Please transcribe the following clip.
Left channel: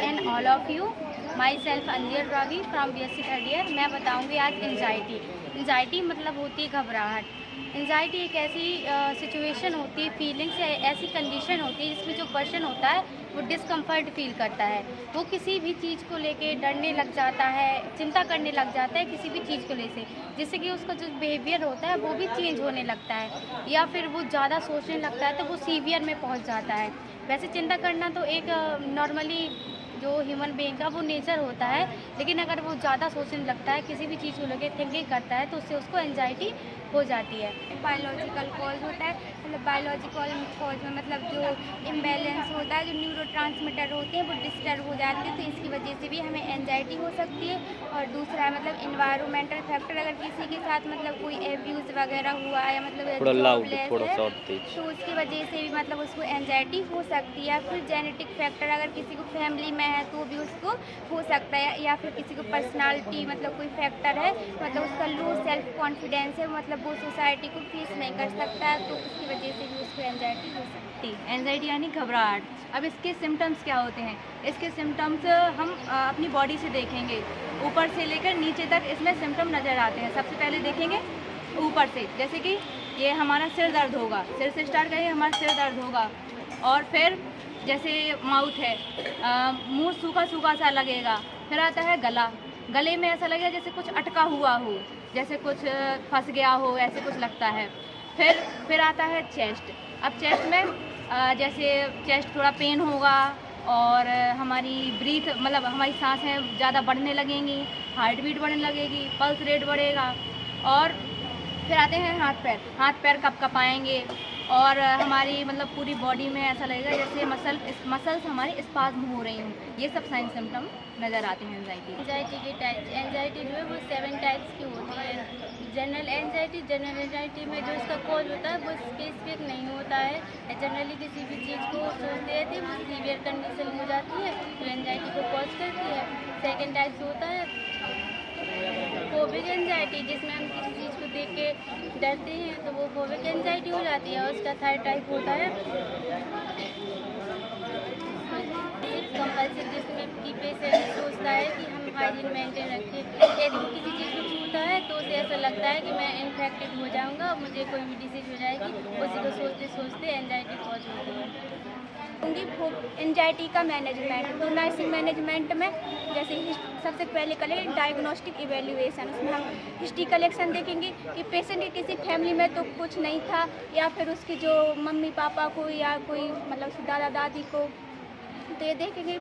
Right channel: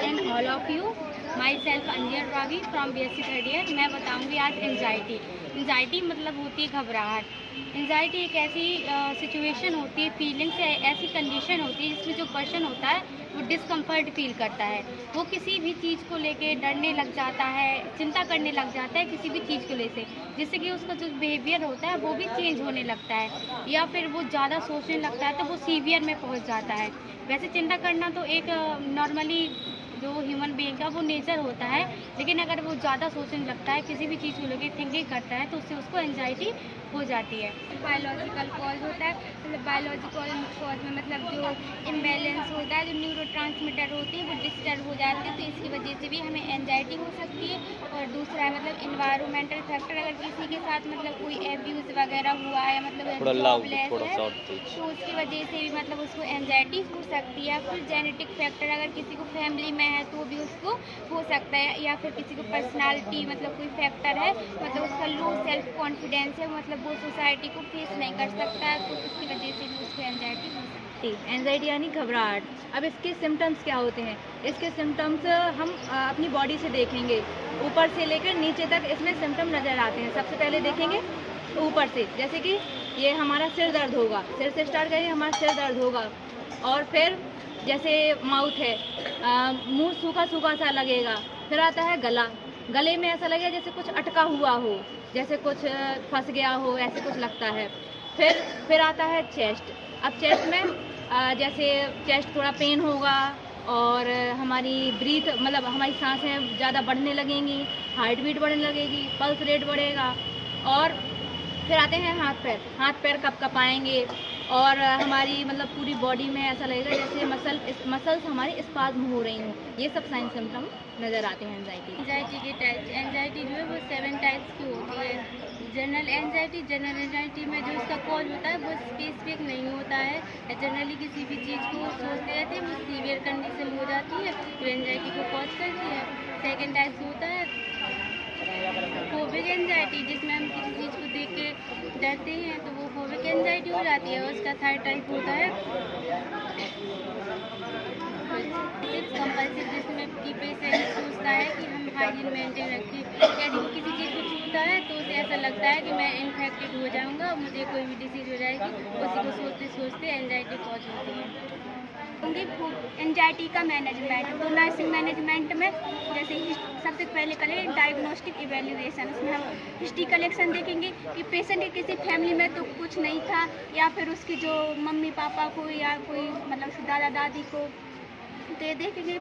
And all of you. Myself Anjal Ragi from BSc third year. मैं बताऊंगी आज anxiety मतलब होती है घबराहट। एंजाइटी एक ऐसी सिचुएशन होती है, फीलिंग्स है, ऐसी कंडीशन होती है जिसमें जो पर्सन होता है वो डिस्कम्फर्ट फील करता है। वो किसी भी चीज़ को लेके डरने लग जाता है, चिंता करने लग जाता है किसी भी चीज़ को लेके, जिससे कि उसका जो बिहेवियर होता है वो भी चेंज होने लगता है, या फिर वो ज़्यादा सोचने लगता है तो वो सीवियर में पहुंच जाता है। वैसे चिंता करना तो एक नॉर्मली जो ह्यूमन बीइंग का वो नेचर होता है, लेकिन अगर वो ज़्यादा सोचने लगता है, किसी भी चीज़ को लेकर थिंकिंग करता है, तो उससे उसको एंजाइटी हो जाती है। बायोलॉजिकल कॉज होता है, मतलब बायोलॉजिकल कॉज में मतलब जो इम्बैलेंस होता है, जो न्यूरोट्रांसमीटर होते हैं वो डिस्टर्ब हो जाते हैं, तो इसकी वजह से भी हमें एंजाइटी हो सकती है। और दूसरा है मतलब इन्वायरमेंटल फैक्टर, अगर किसी के साथ मतलब कोई एब्यूज़ वगैरह हुआ है, मतलब जॉबलेस है, तो उसकी वजह से भी मतलब उसको एंजाइटी हो सकती है। फिर जेनेटिक फैक्टर, अगर किसी को फैमिली में है तो भी उसको हो सकता है, या फिर किसी को पर्सनालिटी मतलब कोई फैक्टर है, मतलब उसका लो सेल्फ कॉन्फिडेंस है, मतलब वो सोसाइटी को फेस नहीं कर सकता है, तो उसकी वजह से भी उसको एंजाइटी हो सकती है। एंजाइटी यानी घबराहट। अब इसके सिम्टम्स क्या होते हैं? इसके सिम्टम्स हम अपनी बॉडी से देखेंगे, ऊपर से लेकर नीचे तक इसमें सिम्टम नज़र आते हैं। सबसे पहले देखेंगे ऊपर से, जैसे कि ये हमारा सिर दर्द होगा, सिर से स्टार्ट करेंगे, हमारा सिर दर्द होगा। और फिर जैसे माउथ है, मुंह सूखा सूखा सा लगेगा। फिर आता है गला, गले में ऐसा लगेगा जैसे कुछ अटका हुआ हो, जैसे कुछ फंस गया हो, ऐसे कुछ लगता है। फिर आता है चेस्ट। अब चेस्ट में जैसे चेस्ट थोड़ा पेन होगा, और हमारी ब्रीथ मतलब हमारी सांसें ज़्यादा बढ़ने लगेंगी, हार्ट बीट बढ़ने लगेगी, पल्स रेट बढ़ेगा। और फिर आते हैं हाथ पैर कँपाएंगे, और हमारी मतलब पूरी बॉडी में ऐसा लगेगा जैसे मसल्स हमारी स्पाज्म हो रही हैं। ये सब साइन सिम्टम नज़र आते हैं एंजाइटी की टाइप, एंजाइटी जो है वो 7 टाइप्स की होती है। जनरल एंजाइटी में जो इसका कॉज होता है वो स्पेसिफिक नहीं होता है, जनरली किसी भी चीज़ को सोचते रहते हैं, वो सीवियर कंडीशन हो जाती है तो एंजाइटी को कॉज करती है। सेकेंड टाइप होता है फोबिक एंजाइटी, जिसमें हम किसी चीज़ को देख के डरते हैं तो वो फोबिक एंजाइटी हो जाती है। और उसका थर्ड टाइप होता है कंपल्सिव, जिसमें कि पेशेंट सोचता है कि हम हाइजीन मेंटेन रखें, यदि वो किसी चीज़ को छूता है तो उसे ऐसा लगता है कि मैं इन्फेक्टेड हो जाऊंगा, मुझे कोई भी डिसीज हो जाएगी, उसी को सोचते सोचते एंजाइटी कॉज होती है। एंजाइटी का मैनेजमेंट, तो नर्सिंग मैनेजमेंट में जैसे सबसे पहले करें डायग्नोस्टिक इवेल्युएशन। उसमें हम हिस्ट्री कलेक्शन देखेंगे कि पेशेंट के किसी फैमिली में तो कुछ नहीं था, या फिर उसकी जो मम्मी पापा को या कोई मतलब दादा दादी को, तो ये देखेंगे।